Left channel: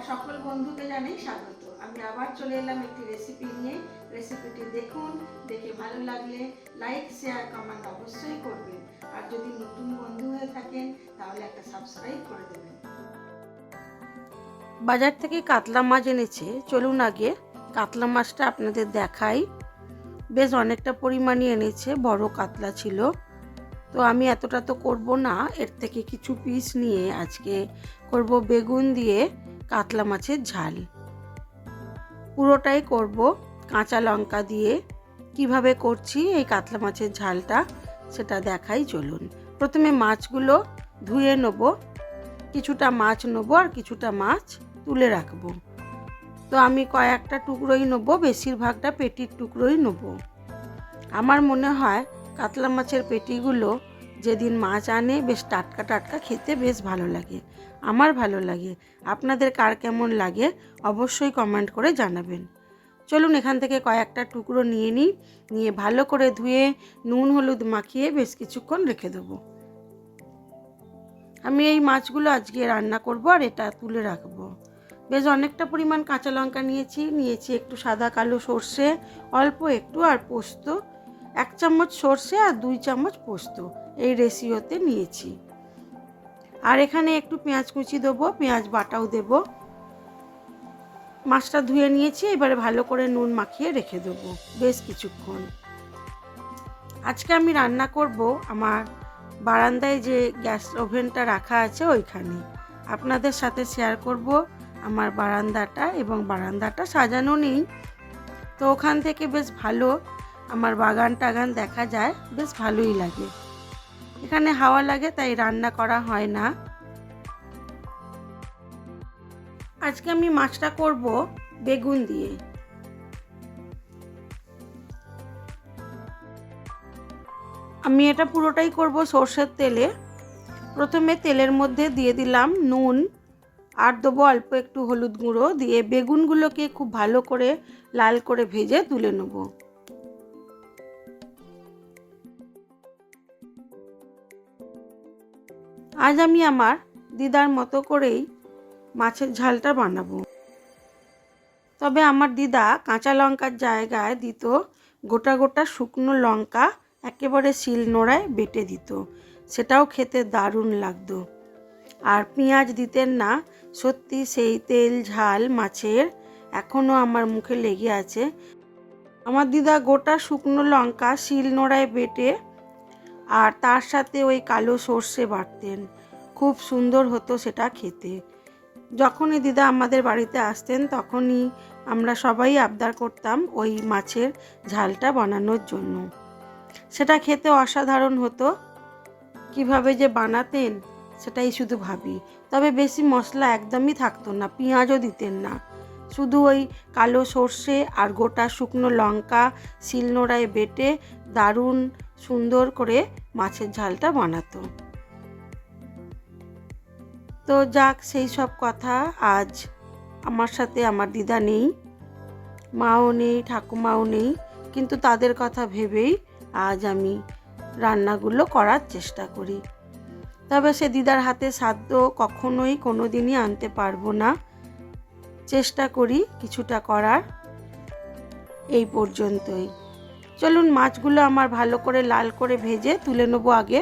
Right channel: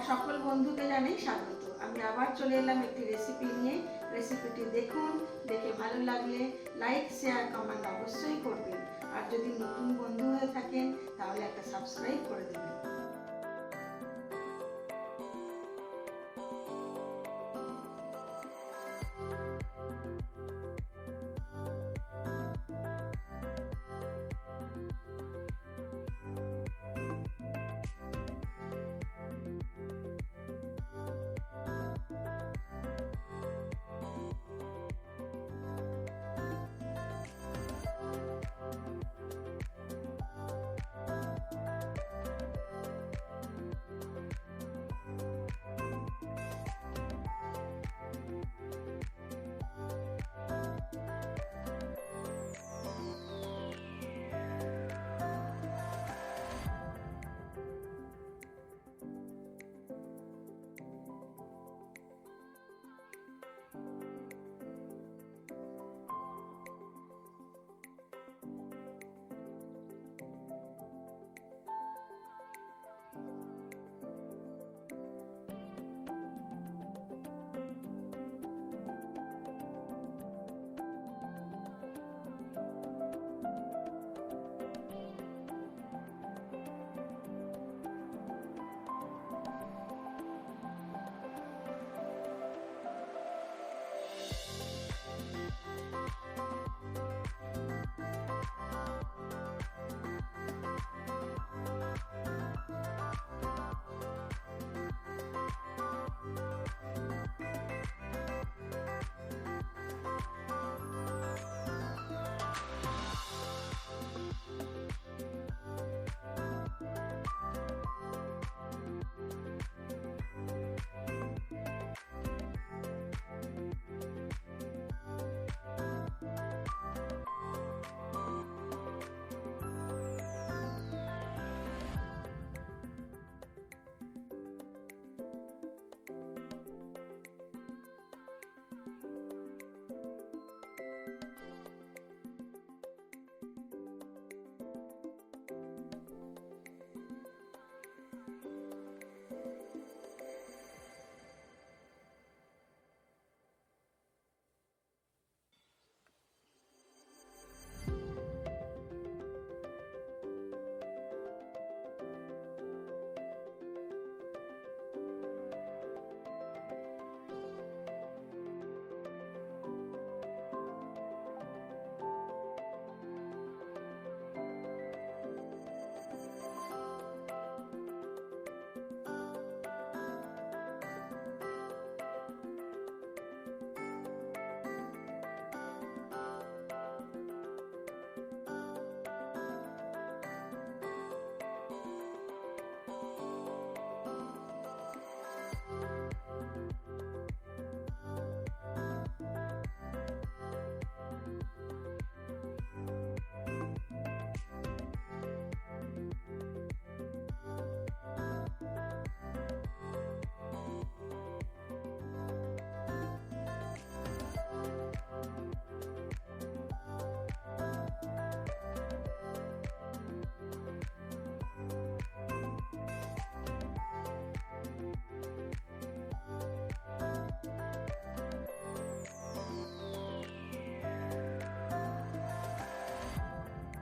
আমার সকল বন্ধুকে জানাই স্বাগত। আমি আবার চলে এলাম একটি রেসিপি নিয়ে। রেসিপিটি দেখুন, দেখে ভালো লাগলে লাইক শেয়ার কমেন্ট অবশ্যই করবেন। আর যদি নতুন বন্ধু হয়ে থাকেন তাহলে একটা সাবস্ক্রাইব করে দেবেন। বাজার থেকে কাতলা মাছ এনেছে, চলুন আগে কাতলা মাছটা আপনাদের দেখাই। বেশ অনেকটা পরিমাণে এনেছে, বড় কাতলা ছিল। তো আমি এতটা তো করব না, এর থেকে কিছু পিস নিয়ে আজকে করব বেগুন দিয়ে কাতলা মাছের ঝাল। পুরোটাই করব কাঁচা লঙ্কা দিয়ে। কিভাবে করছি এই কাতলা মাছের ঝালটা সেটা দেখাই, চলুন। প্রথমে মাছগুলো ধুয়ে নেব, কিছুটা মাছ নেবো আর কিছুটা মাছ তুলে রাখবো। তো আমি কয়েকটা টুকরোই নেবো, বেশিরভাগটা পেটির টুকরোই নেবো। আমার মনে হয় কাতলা মাছের পেটিগুলো যেদিন মাছ আনে বেশ টাটকা টাটকা খেতে বেশ ভালো লাগে। আমার ভালো লাগে, আপনাদের কার কেমন লাগে অবশ্যই কমেন্ট করে জানাবেন। চলুন এখান থেকে কয়েকটা টুকরো নিয়ে ভালো করে ধুয়ে নুন হলুদ মাখিয়ে বেশ কিছুক্ষণ রেখে দেবো। আমি এই মাছগুলো আজকে রান্না করব আর এটা তুলে রাখবো। বেশ অনেকটা পরিমাণ কাঁচা লঙ্কা নিয়েছি একটু সাদা কালো সর্ষে, অল্প একটু আর পোস্ত, 1 চামচ সর্ষে আর 2 চামচ পোস্ত এই রেশিওতে নিয়েছি। আর এখানে একটু পেঁয়াজ কুচি দেবো, পেঁয়াজ বাটাও দেবো। মাছটা ধুয়ে নিয়েছি, এবারে ভালো করে নুন মাখিয়ে রেখে দেবো বেশ কিছুক্ষণ। আজকে আমি রান্না করব আমার বারান্দায় যে গ্যাস ওভেনটা রাখা আছে ওইখানে। আপনাদের সাথে শেয়ার করব আমার বারান্দাটা, এবং বারান্দাটা সাজানো নেই, তো ওখান থেকে বেশ ভালো আমার বাগান টাগান দেখা যায়, বেশ ভালোই লাগে। এখানে হাওয়া লাগে তাই রান্না করা হয় না। আজকে আমি মাছটা করব বেগুন দিয়ে। আমি এটা পুরোটাই করব সর্ষের তেলে। প্রথমে তেলের মধ্যে দিয়ে দিলাম নুন আর দেবো অল্প একটু হলুদ গুঁড়ো, দিয়ে বেগুনগুলোকে খুব ভালো করে লাল করে ভেজে তুলে নেব। আজ আমি আমার দিদার মতো করেই মাছের ঝালটা বানাবো। তবে আমার দিদা কাঁচা লঙ্কার জায়গায় দিত গোটা গোটা শুকনো লঙ্কা, একেবারে শিলনোড়ায় বেটে দিত, সেটাও খেতে দারুণ লাগতো। আর পেঁয়াজ দিতেন না। সত্যি সেই তেল ঝাল মাছের এখনও আমার মুখে লেগে আছে। আমার দিদা গোটা শুকনো লঙ্কা শিলনোড়ায় বেটে আর তার সাথে ওই কালো সর্ষে বাটতেন, খুব সুন্দর হতো সেটা খেতে। যখনই দিদা আমাদের বাড়িতে আসতেন তখনই আমরা সবাই আবদার করতাম ওই মাছের ঝালটা বানানোর জন্য। সেটা খেতে অসাধারণ হতো। কিভাবে যে বানাতেন সেটাই শুধু ভাবি। তবে বেশি মশলা একদমই থাকতো না, পেঁয়াজও দিতেন না, শুধু ওই কালো সর্ষে আর গোটা শুকনো লঙ্কা শিলনোড়ায় বেটে দারুণ সুন্দর করে মাছের ঝালটা বানাতো। তো যাক, সেই সব কথা। আজ আমার সাথে আমার দিদা নেই, মাও নেই, ঠাকুমাও নেই, কিন্তু তাদের কথা ভেবেই আজ আমি রান্নাগুলো করার চেষ্টা করি। তবে সে দিদার হাতে সাধ্য কখনোই কোনো দিনই আনতে পারবো না। চেষ্টা করি কিছুটা করার, এই পর্যন্তই। চলুন মাছগুলো আমার ভালো করে লাল করে ভেজে তুলে নেবো আগে।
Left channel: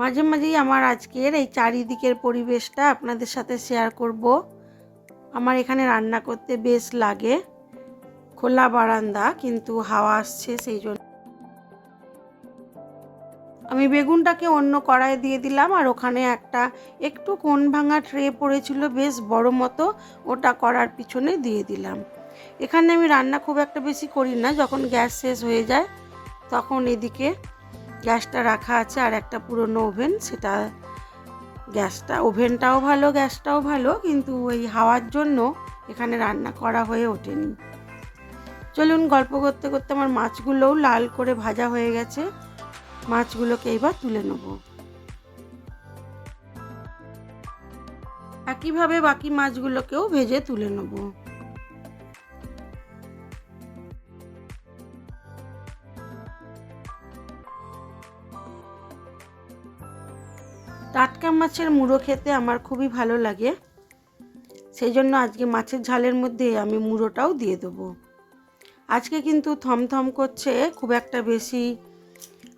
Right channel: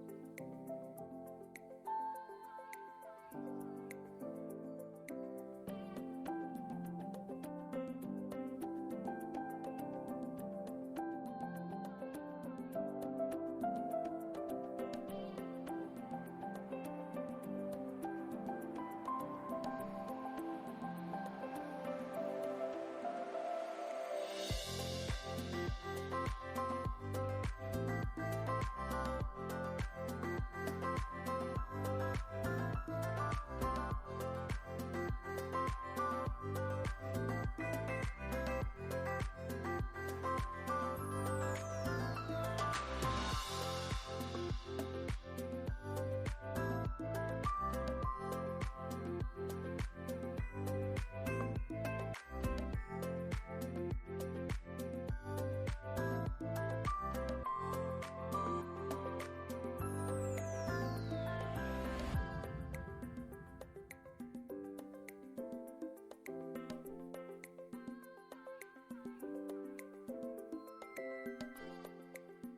মাঝে মাঝেই আমার আজকের এই চারিদিকের পরিবেশটা আপনাদের সাথে শেয়ার করব। আমার এখানে রান্না করতে বেশ লাগে, খোলা বারান্দা কিন্তু হাওয়া আসছে, সেই জন্য আমি বেগুনটাকে অন্য কড়াইয়ে দিয়ে দিলাম। আর ওখানে একটা একটু কোণ ভাঙা ট্রে পড়েছিল বেশ বড় মতো, ওটা করার পিছনে দিয়ে দিলাম। এখানে আমি রান্না খুব একটা বেশি করি না, যখন গ্যাস শেষ হয়ে যায় তখন এদিকে গ্যাসটা রাখা আছে আর একটা পুরনো ওভেন, সেটা ওভেনটাও ভালো গ্যাসটাও ভালো, কিন্তু ওই হাওয়ার জন্য এখানে রান্না করা হয়ে ওঠেনি। চলুন গল্প করতে করতে আমার মাছগুলোও লাল করে ভাজা হয়ে গেছে। মাছগুলোকে এবার তুলে নেব। একইভাবে বাকি মাছগুলোকেও ভেজে তুলে নেব। মাছের মুড়ো খেতে আমার খুবই ভালো লাগে, সেই জন্য আজকে মাছের ঝালের মধ্যে আমি মুড়োটাও দিয়ে দেবো। আজকে কিন্তু থমথম করছে, খুব একটা বেশি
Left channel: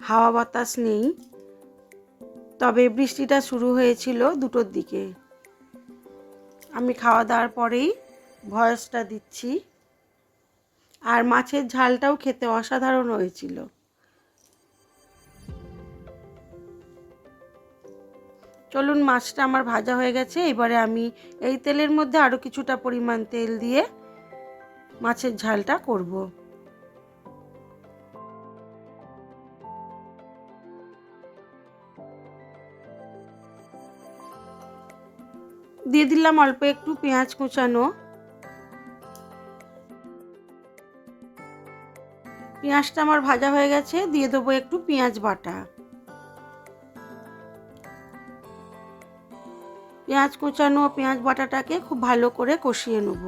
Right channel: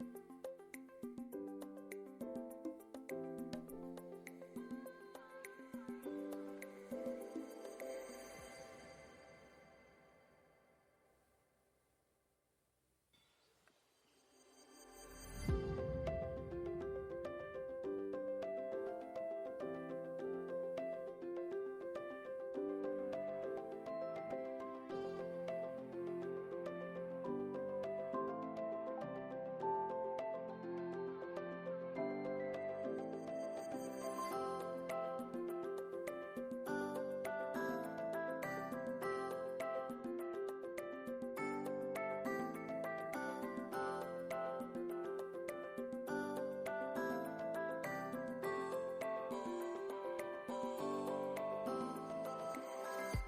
হাওয়া বাতাস নেই, তবে বৃষ্টিটা শুরু হয়েছিল 2টোর দিকে। আমি খাওয়া দাওয়ার পরেই ভয়েসটা দিচ্ছি। আর মাছের ঝালটাও খেতে অসাধারণ হয়েছিল। চলুন, মাছটা আমার ভাজা হয়ে গেছে। এবারে আমি এই তেলের মধ্যে আরও কিছুটা পরিমাণ তেল দিয়ে মাছের ঝালটা করব। দিয়ে দিলাম অল্প একটু পেঁয়াজ কুচানো। পেঁয়াজটা আমার ভাজা হয়ে গেছে, দিয়ে দেবো একটু পেঁয়াজ বাটা। পেঁয়াজ কুচানো পেঁয়াজ বাটাটাকে খুব ভালো করে কষিয়ে নেব।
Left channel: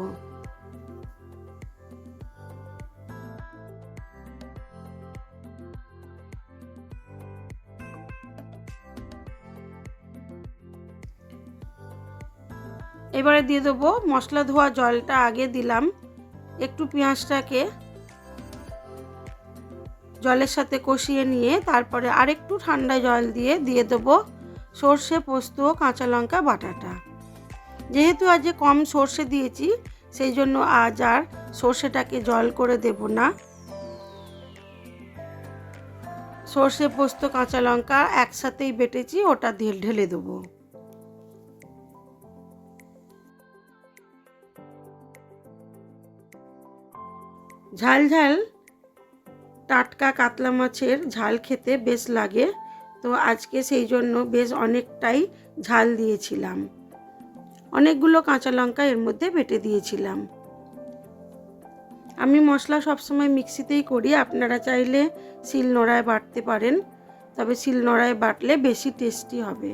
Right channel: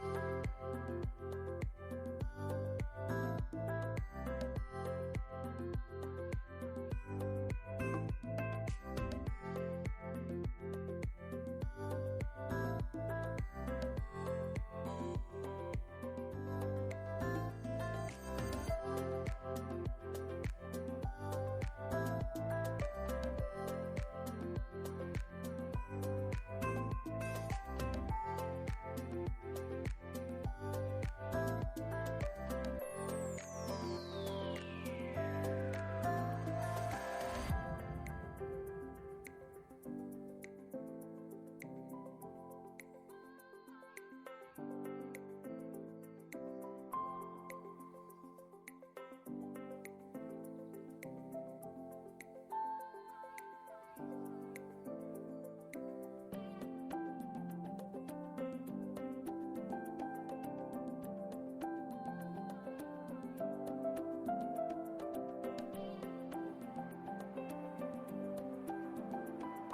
এবারে দিয়ে দেবো মশলা ধোয়া জলটা, আগে দিলাম। একটু পেঁয়াজটাকে জলের সাথে কষিয়ে নিয়ে তারপরে আরেকটু ঠান্ডা জল দিয়ে দেবো সর্ষে, পোস্ত, কাঁচা লঙ্কা বাটাটা। যেহেতু আজ কম সর্ষে দিয়েছি, সেই জন্য আজ আর সর্ষেটাকে জল করে দেব না। সর্ষে, পোস্ত, কাঁচা লঙ্কা একসাথেই বেটেছি, ওটা ঢেলে দেবো। ঝাল ঝাল টাটকা কাতলা মাছের ঝাল খেতে বেশ লাগে, তো আজকে সেই জন্য বেশ অনেকটাই ঝাল দিয়েছিলাম। অনেকগুলো কাঁচা লঙ্কা এর মধ্যে বেটে দিয়েছিলাম। আমি মশলা সবসময় মিক্সিতেই করি, আপনারা চাইলে শিলনোড়ায় বাটতে পারেন, তবে শিলনোড়ায় বাটলে বেশি টেস্টি হবে।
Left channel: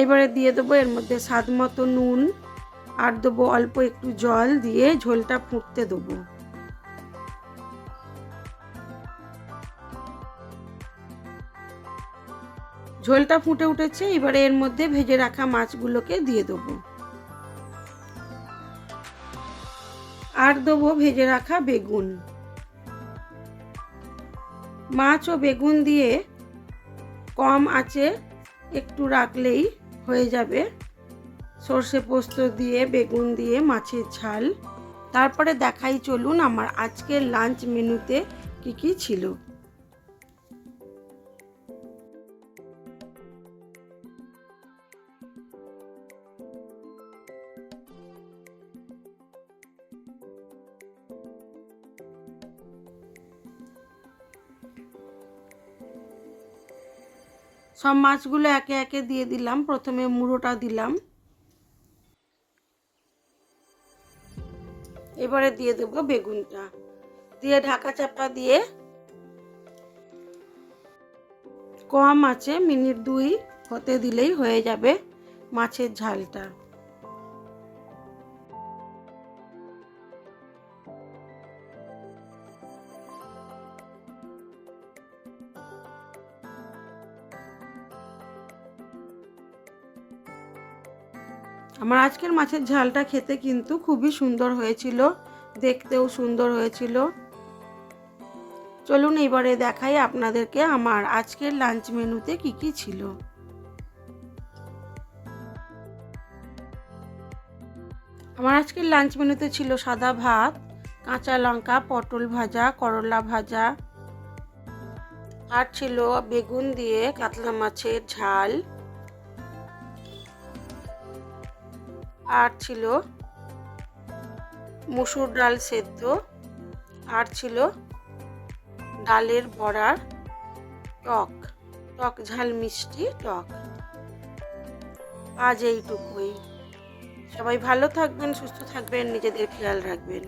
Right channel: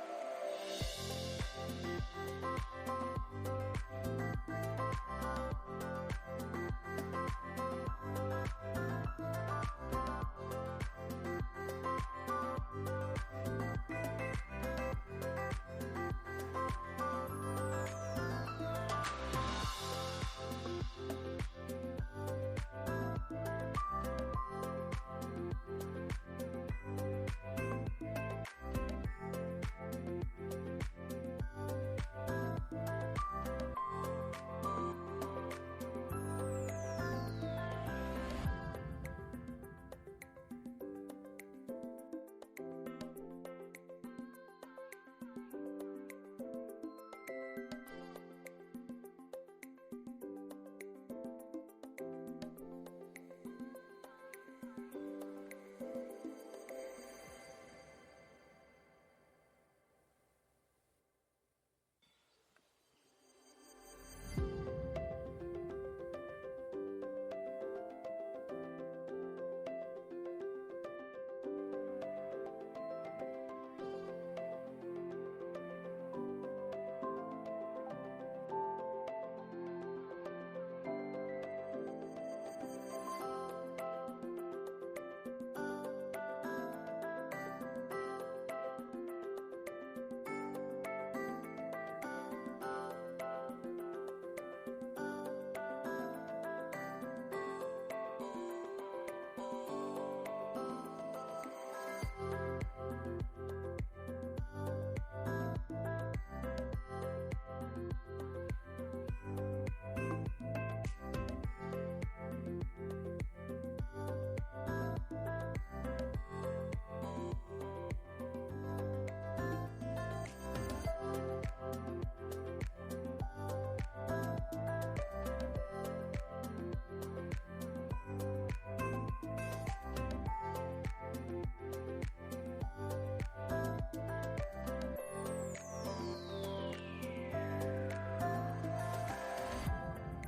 এবারে দিয়ে দেবো এর মধ্যে স্বাদ মতো নুন, আর দেবো অল্প একটু জল, দিয়ে ঝোলটা ফুটতে দেবো। ঝোলটা ফুটে উঠেছে, এবারে এর মধ্যে ভেজে রাখা মাছগুলোকে দিয়ে দেবো। আর দেবো ভেজে রাখা বেগুন। মাছ ও বেগুন দিয়ে কম আঁচে একটু রাখলেই হয়ে যাবে সর্ষে পোস্ত দিয়ে বেগুন দিয়ে মাছের ঝাল। তারপরে দেখাই চলুন আমার আজকের লাঞ্চ মেনুতে কি কি ছিল। সব মাছগুলো একে একে দিয়ে দিলাম। প্রথমে মুড়োটা দিলাম, এবারে দিয়ে দেব বেগুনটা, দিয়ে ঢাকা চাপা দিয়ে কম আছে মিনিট 2 হতে দিলেই হয়ে যাবে মাছের ঝালটা। আমার আজকের মাছের ঝালটা খেতে কিন্তু খুবই সুন্দর হয়েছিল, দেখতেও সুন্দর হয়েছিল। চলুন এবারে দেখাই আপনাদেরকে আমার আজকের লাঞ্চ মেনুতে কি কি ছিল। আমার আজকের লাঞ্চ মেনুতে ছিল সাদা ভাত, কাঁচা লঙ্কা, পটল ভাজা, করলা ভাজা, আর ছিল বেগুন দিয়ে কাতলা মাছের ঝাল, আর ছিল মসুর ডাল সেদ্ধ, আর ছিল ডালের বড়ার টক টক ঝাল মিষ্টি টক। আজ এইটুকুই। সবাই ভালো থাকবেন, সুস্থ থাকবেন, নিজেদের খেয়াল রাখবেন।